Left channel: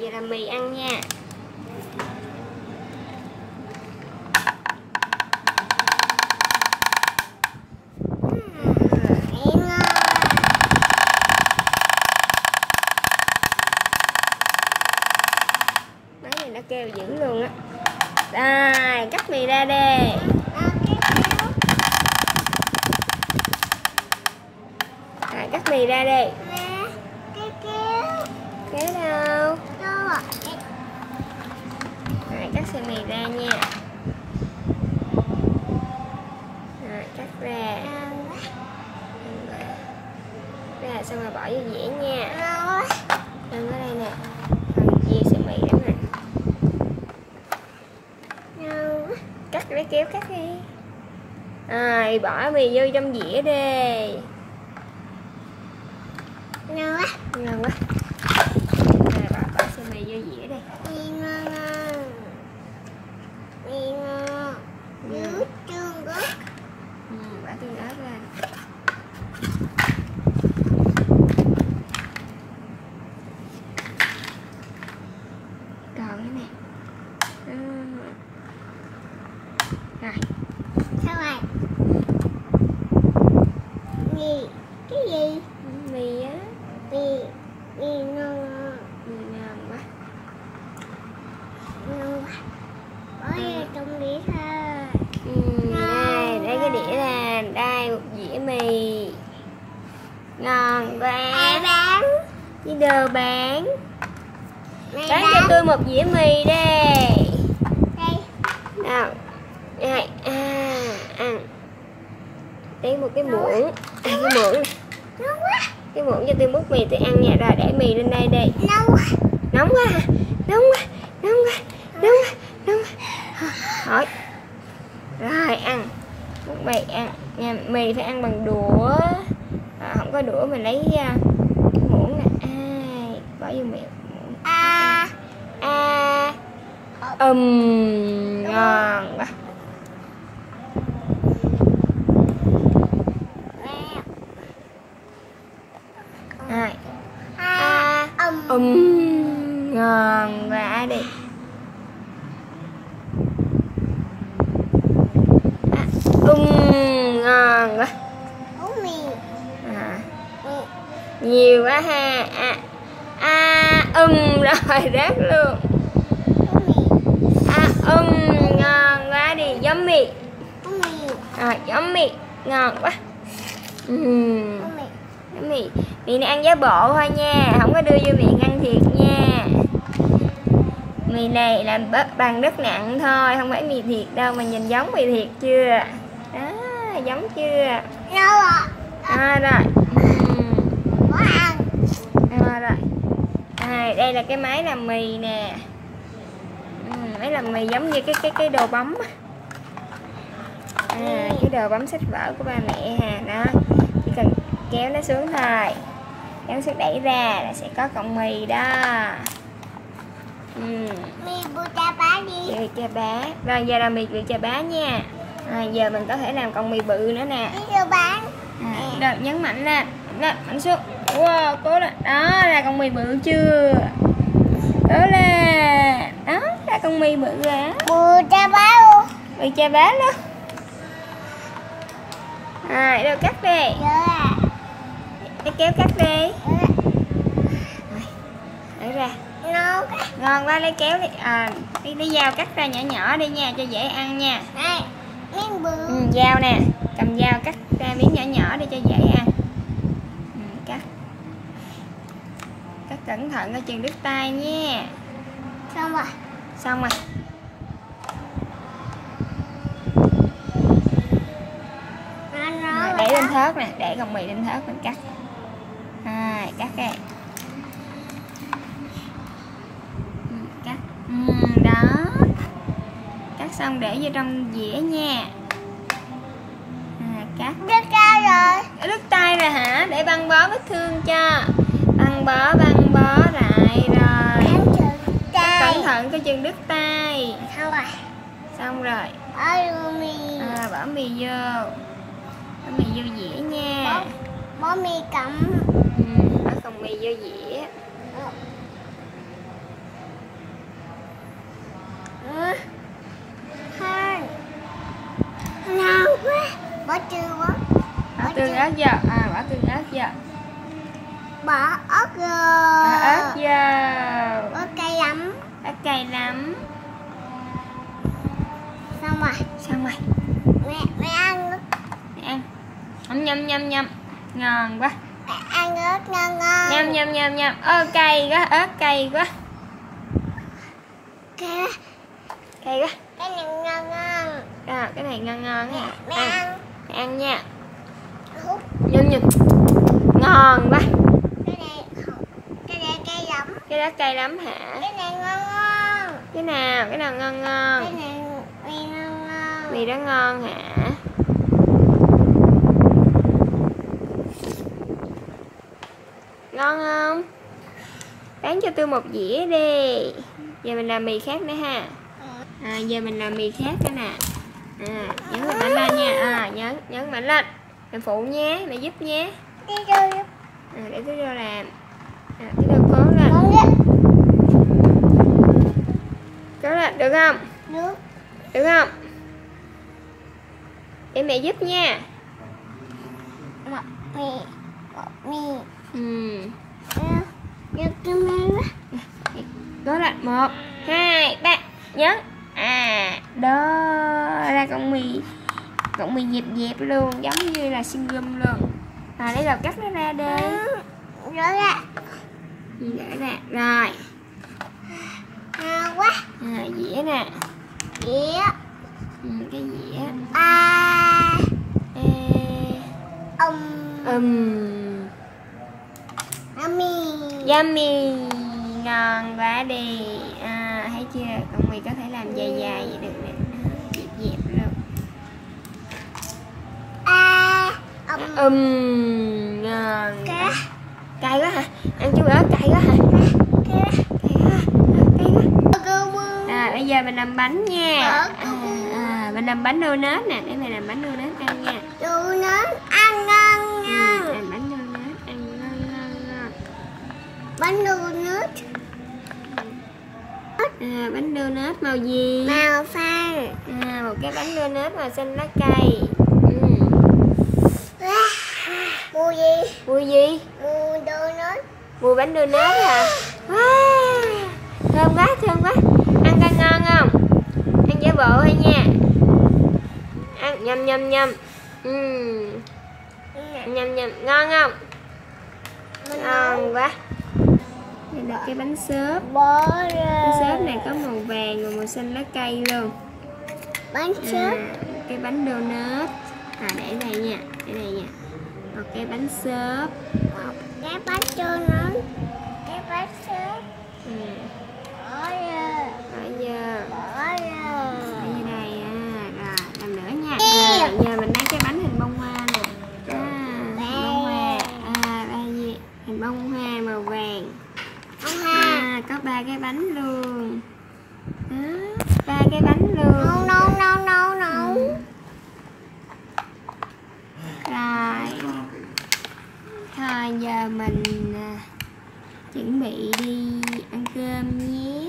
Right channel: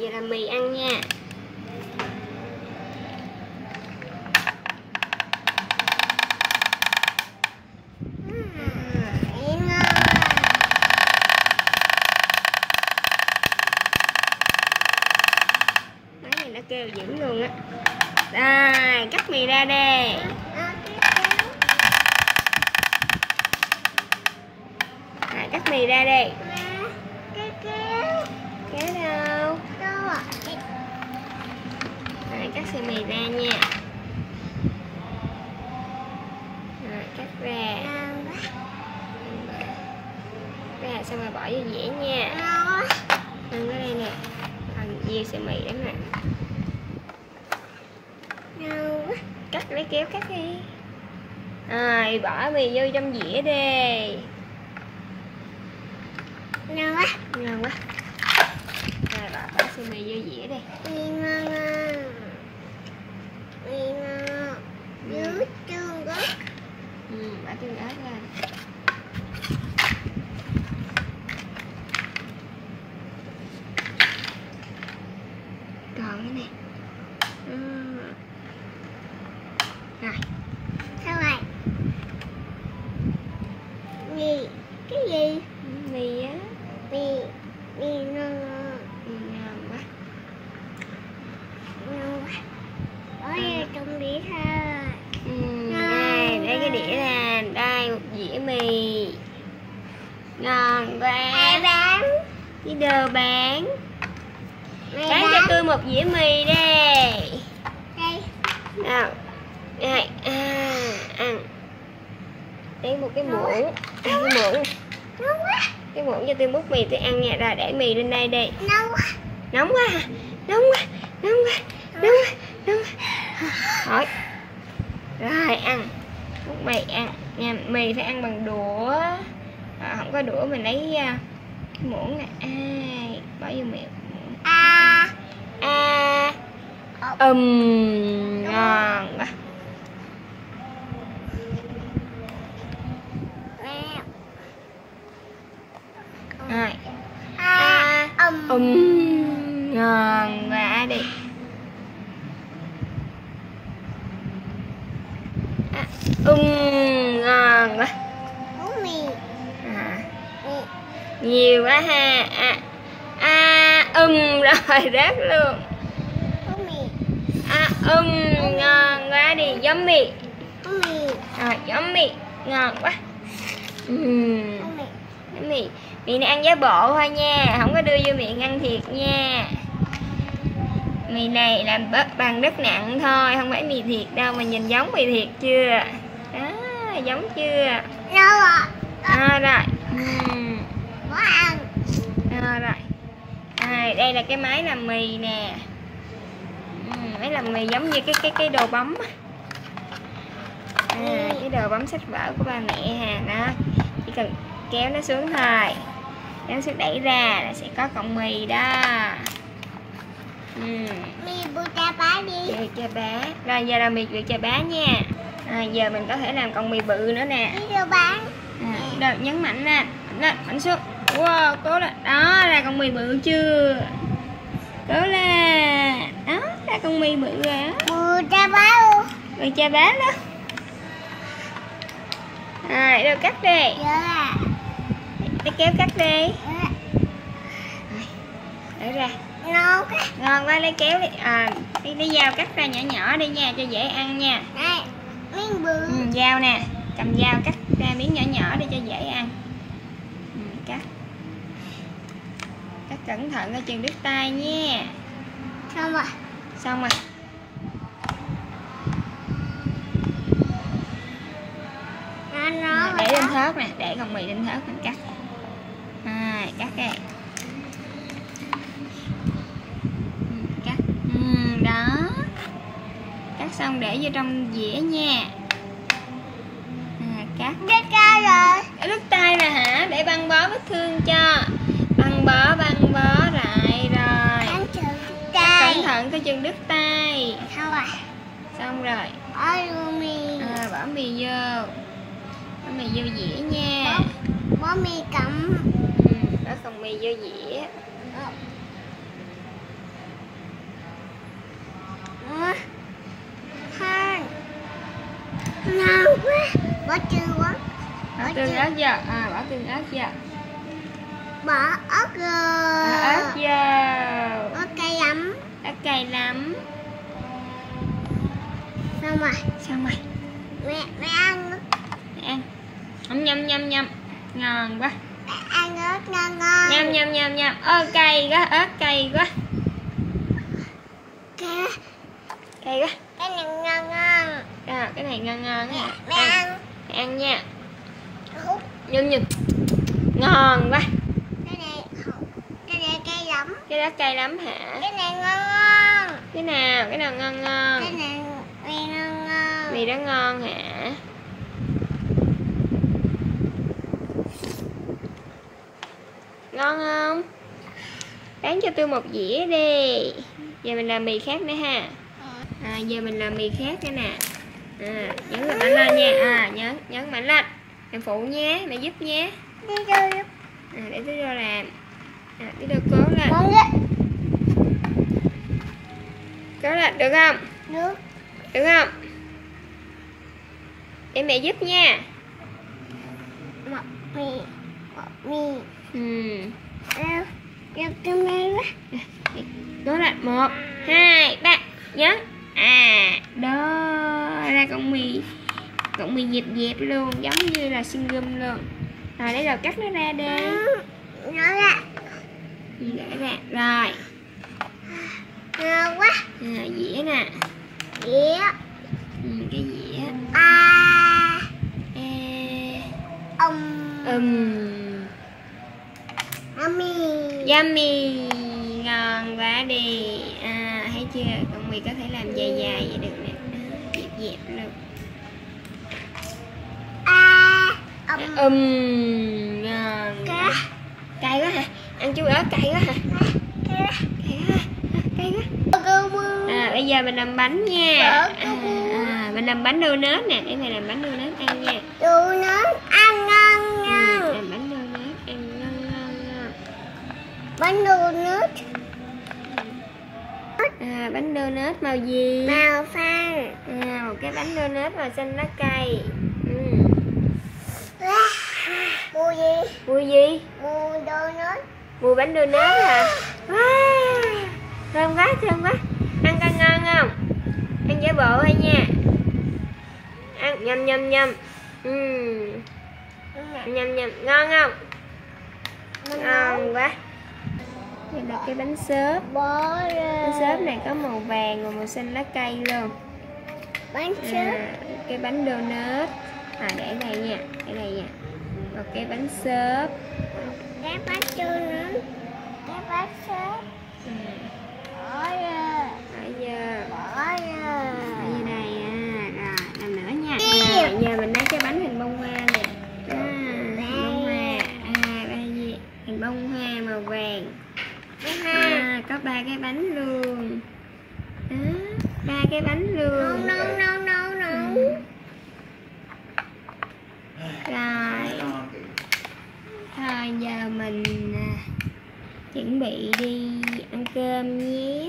Giờ làm mì ăn nha. Máy này nó kêu dữ luôn á. Rồi, cắt mì ra đi. Rồi, cắt mì ra đi. Kéo đâu? Rồi, cắt sợi mì ra nha. Rồi, cắt ra. Ra xong rồi bỏ vô dĩa nha. Ăn ở đây nè. Rồi, chia sợi mì đó nè. Cắt lấy kéo cắt đi. Rồi, bỏ mì vô trong dĩa đi. Ngon quá. Ngon quá. Rồi, bỏ sợi mì vô dĩa đi. Ngon. Dưới tương ớt. Bỏ tương ớt lên. Còn cái nè. Rồi. Sao vậy? Mì. Cái gì? Mì á. Mì ngon. Mì ngon quá. Ngon quá. Bỏ vô trong đĩa thôi. Đây cái đĩa nè. Đây một dĩa mì. Ngon quá. Ai bán? Cái đồ bán. Mày Bán cho tôi một dĩa mì đi. Đây. Nào. Đây. Ăn. Lấy một cái muỗng. Cái muỗng. Ngon quá. Cái muỗng cho tôi múc mì tôi ăn nha. Rồi để mì lên đây đi. Nóng quá. Nóng quá hả? Nóng quá. Nóng quá. Nóng quá. Nóng quá. Hỏi. Rồi ăn. Múc mì ăn. Nha, mì phải ăn bằng đũa. Không có đũa mình lấy cái muỗng nè. Bỏ vô miệng. Ngon quá. Rồi. Ngon quá đi. Ngon quá. Uống mì. Nhiều quá ha. Rồi rớt luôn. Ngon quá đi. Giống mì. Rồi giống mì. Ngon quá. Giống mì. Mì này ăn giả bộ thôi nha. Không có đưa vô miệng ăn thiệt nha. Mì này làm bằng đất nặng thôi. Không phải mì thiệt đâu. Mà nhìn giống mì thiệt chưa? Đó, giống chưa? Đâu ạ? Rồi. Có ăn. Rồi. Đây là cái máy làm mì nè. Máy làm mì giống như cái đồ bấm. Cái đồ bấm sách vở của ba mẹ ha. Đó. Chỉ cần kéo nó xuống thôi. Kéo nó xuống đẩy ra là sẽ có cọng mì đó. Mì bự chà bá đi. Bự chà bá. Rồi giờ là mì bự chà bá nha. Giờ mình có thể làm cọng mì bự nữa nè. Chà bá. Rồi nhấn mạnh lên. Mạnh xuống. Wow, cố lên. Đó, ra con mì bự chưa? Cố lên. Đó, ra con mì bự rồi á. Bự chà bá luôn. Bự chà bá luôn. Rồi, đâu cắt đi. Để kéo cắt đi. Để ra. Ngon quá. Ngon quá, lấy kéo đi. Lấy dao cắt ra nhỏ nhỏ đi nha, cho dễ ăn nha. Đây, miếng bự. Dao nè, cầm dao cắt ra miếng nhỏ nhỏ để cho dễ ăn. Cắt cẩn thận coi chừng đứt tay nha. Xong rồi. Xong rồi. Để lên thớt nè, để con mì lên thớt mình cắt. Cắt đây. Cắt. Đó. Cắt xong để vô trong dĩa nha. Cắt. Đứt tay rồi. Đứt tay rồi hả? Để băng bó vết thương cho. Băng bó lại rồi. Cẩn thận coi chừng đứt tay. Xong rồi. Bỏ mì. Bỏ mì vô. Bỏ mì vô dĩa nha. Bỏ mì cắm. Bỏ cọng mì vô dĩa. bỏ tương quá. Bỏ tương ớt vô. Bỏ tương ớt vô. Bỏ ớt vô. Ớt vô. Ớt cay lắm. Ớt cay lắm. Xong rồi. Xong rồi. Mẹ ăn. Mẹ ăn. Nhâm. Ngon quá. Mẹ ăn ớt ngon ngon. Nhâm. Cay quá, ớt cay quá. Cay Cay quá. cái này ngon ngon. Cái này ngon á. Mẹ ăn. Mẹ ăn nha. Hút. Nhâm. Ngon quá. Cái này cay lắm. Cái đó cay lắm hả? Cái này ngon ngon. Cái nào ngon? Cái này mì ngon ngon. Mì đó ngon hả? Ngon không? Bán cho tôi một dĩa đi. Giờ mình làm mì khác nữa ha. Giờ mình làm mì khác nữa nè. Nhấn mạnh lên nha. Nhấn mạnh lên. Mẹ phụ nhé, mẹ giúp nhé. Đi đâu giúp. Để tôi vô làm. Để tôi cố lên. Cố lên, được không? Nước. Được không? Để mẹ giúp nha. Một mì. Được cái mì quá. Cố lên, 1, 2, 3. Nhấn. Đó ra con mì dẹp luôn, giống như là xương gum luôn. Rồi để đầu cắt nó ra đi. Rửa ra. Rửa ra. Rồi. Ngon quá. Dĩa nè. Dĩa. Cái dĩa. Yummy. Ngon quá đi. Thấy chưa? Con mì có thể làm dài vậy được nè. Dẹp luôn. Ngon. Cay quá hả? Ăn chú ớt cay quá hả? Cay quá. Bây giờ mình làm bánh nha. Mình làm bánh donut nè. Để mày làm bánh donut ăn nha. Donut ăn ngon ngon. Làm bánh donut ăn ngon. Bánh donut. Bánh donut màu gì? Màu xanh. Một cái bánh donut màu xanh lá cây. Mùi gì? Mùi gì? Mùi donut. Mùi bánh donut hả? Thơm quá. Ăn coi ngon không? Ăn giả bộ thôi nha. Ăn nhâm. Nhâm. Ngon không? Ngon quá. Đây là cái bánh xốp. Bánh xốp này có màu vàng và màu xanh lá cây luôn. Bánh xốp. Cái bánh donut. Để đây nha. Một cái bánh xốp. Cái bánh donut. Cái bánh xốp. Bỏ vô đây. Rồi làm nữa nha. Giờ mình lấy cái bánh hình bông hoa nè. Bông hoa. Đây gì? Hình bông hoa màu vàng. Có 3 cái bánh luôn. 3 cái bánh luôn. No. Rồi. Thôi giờ mình chuẩn bị đi ăn cơm nhé.